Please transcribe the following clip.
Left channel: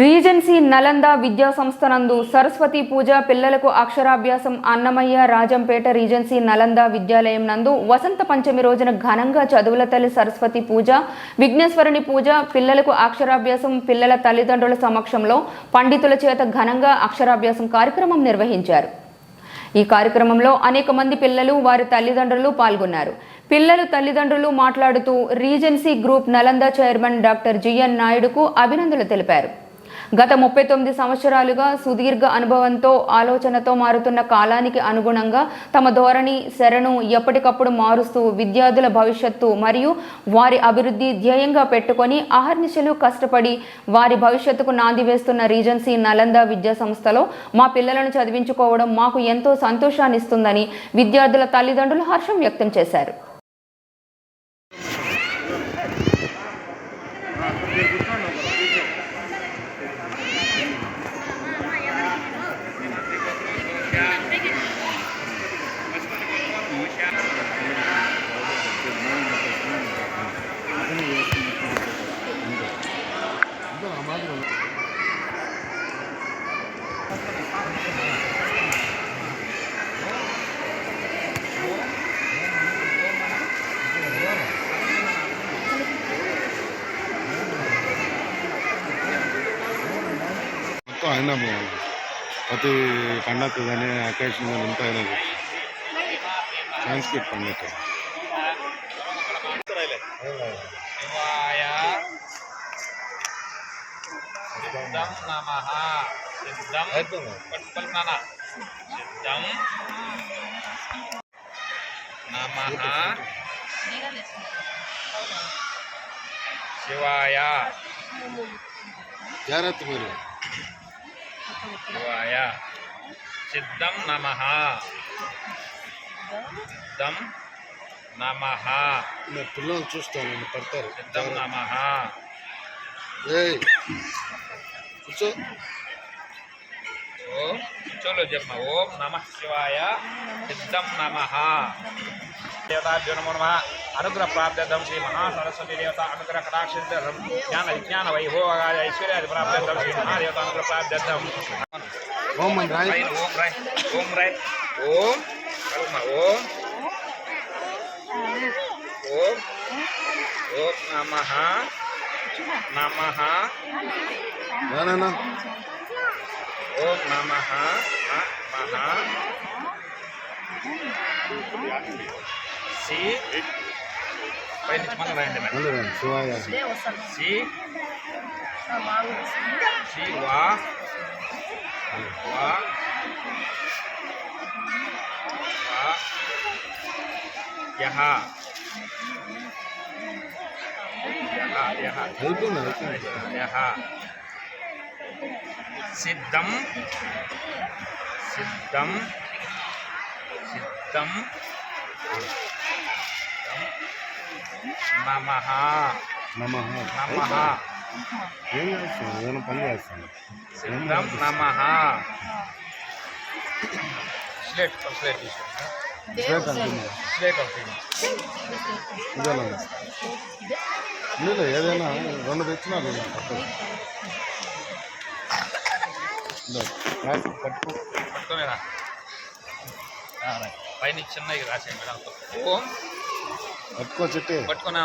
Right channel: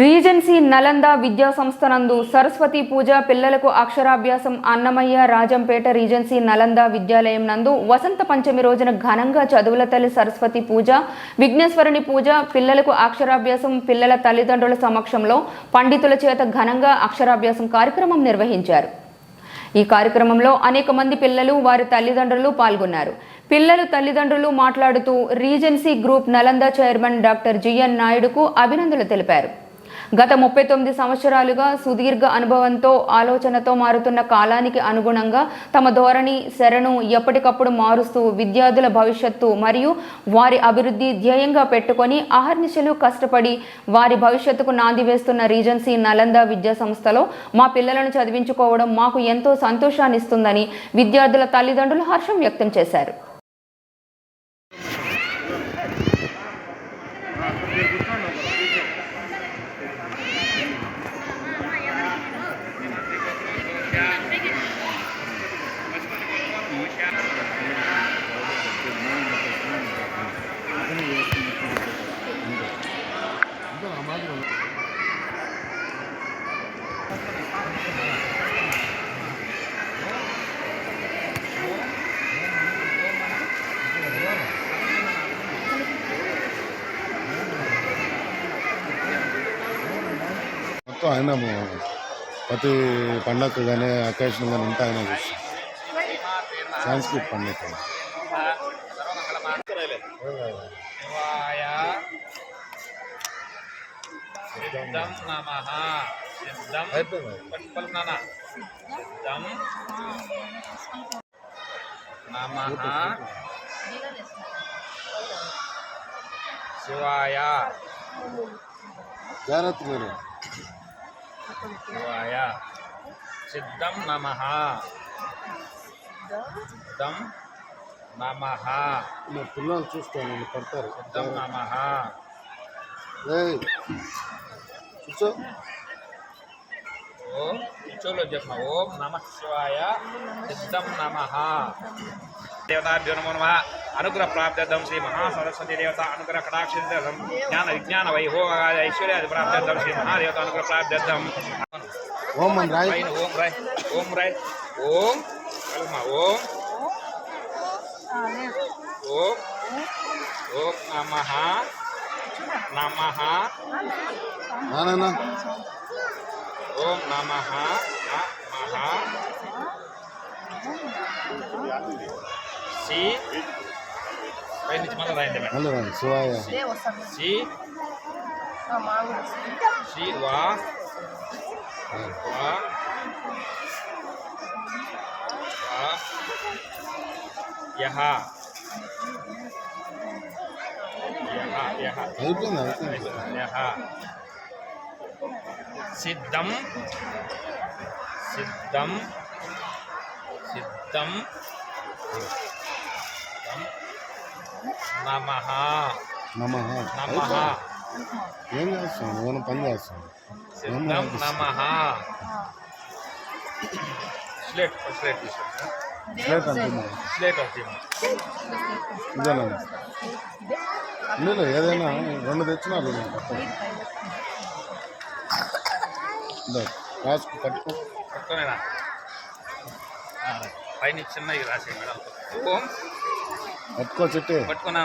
Regency Nalanda విద్యా సంస్థ నందు సరస్వతి పూజ పిల్లలకు అక్షరాభ్యాసం అన్నమయ్య రాజంపేట రీజెన్సీ నలంద విద్యాలయం నందు వసంత పంచమి రోజున ఘనంగా చదువుల తల్లి సరస్వతి పూజ విఘ్నేశ్వరుని పూజ పిల్లలకు అక్షరాభ్యాసం పిల్లల తల్లిదండ్రుల సమక్షంలో పండితుల చేత ఘనంగా అక్షరాభ్యాసం కార్యక్రమం నిర్వహించారు। ఈ కార్యక్రమంలో అనేక మంది పిల్లలు వారి తల్లిదండ్రులు పాల్గొన్నారు। పిల్లలు తల్లిదండ్రులు మాట్లాడుతూ Regency Group Nalanda chairman doctor G N నాయుడుకు అభినందనలు తెలిపారు। గత 39 సంవత్సరాలుగా సుదీర్ఘ అనుభవంతో ఆలోచనతో మారుతున్న కాలానికి అనుగుణంగా తమ ధోరణి శరణు ఎప్పటికప్పుడు మారుస్తూ విద్యార్థుల భవిష్యత్తు మరియు వారి అభివృద్ధి ధ్యేయంగా పెట్టుకొని అహర్నిశలు కష్టపడి వారి భవిష్యత్తుకు నాంది వేస్తున్న రీజెన్సీ నలంద విద్యా సంస్థలో మా పిల్లలను చదివించుకోవడం మాకు ఎంతో సంతోషాన్ని ఇస్తుందని విద్యార్థుల తల్లిదండ్రులు హర్షం వ్యక్తం చేశారు। ఆయన ప్రతి పండగకు కానీ అకేషన్ కానీ అంతా ఆయన చూస్తాం సంస్కృతి పండుగ శివాయ జాగ్రత్త మీరు శివాయ సిద్ధం నమః సిద్ధం నమః పిల్లలు చూస్తాను పడతారు సిద్ధం నమః కూర్చో ఓం కూర్చోలో చెప్పిన ఓం నమః శివాయ సిద్ధం నమః దేవతాభ్యో నమో నమః అనుగ్రహ ప్రాప్త్యర్థం శ్రీ మహాసరస్వతి దేవత అనుగ్రహ కటాక్షించర్థం జ్ఞాన విజ్ఞాన వైభోగాయ ఐశ్వర్యాది ప్రాప్త్యర్థం శ్రీ మహాదేవత అనుగ్రహ ప్రాప్త్యర్థం ఓం రాయ్ ఓం రాయ్ ఓం రాయ్ ఓం ఓం ఓం ఓం నమః నమః ఓం నమః నమః సి పై నుంచి మనం రాయండి మేడం శివాయ సి శివా యహ యహ సిద్ధం సిద్ధం సిద్ధం నమః నమః నమః ఏం చేస్తాను నేను పని చేస్తాను సిద్ధం నమః స్లేట్ స్లేట్ తీసుకుంటా స్లేట్ అవుతుంది ఇదేనా మీరు ఏదైనా రెండు తెచ్చినారు పట్టుకో పట్టుకోనేరా పైన చిన్నది రాసే మేడం ఓం పట్టుకో చెట్టు పట్టుకున్నా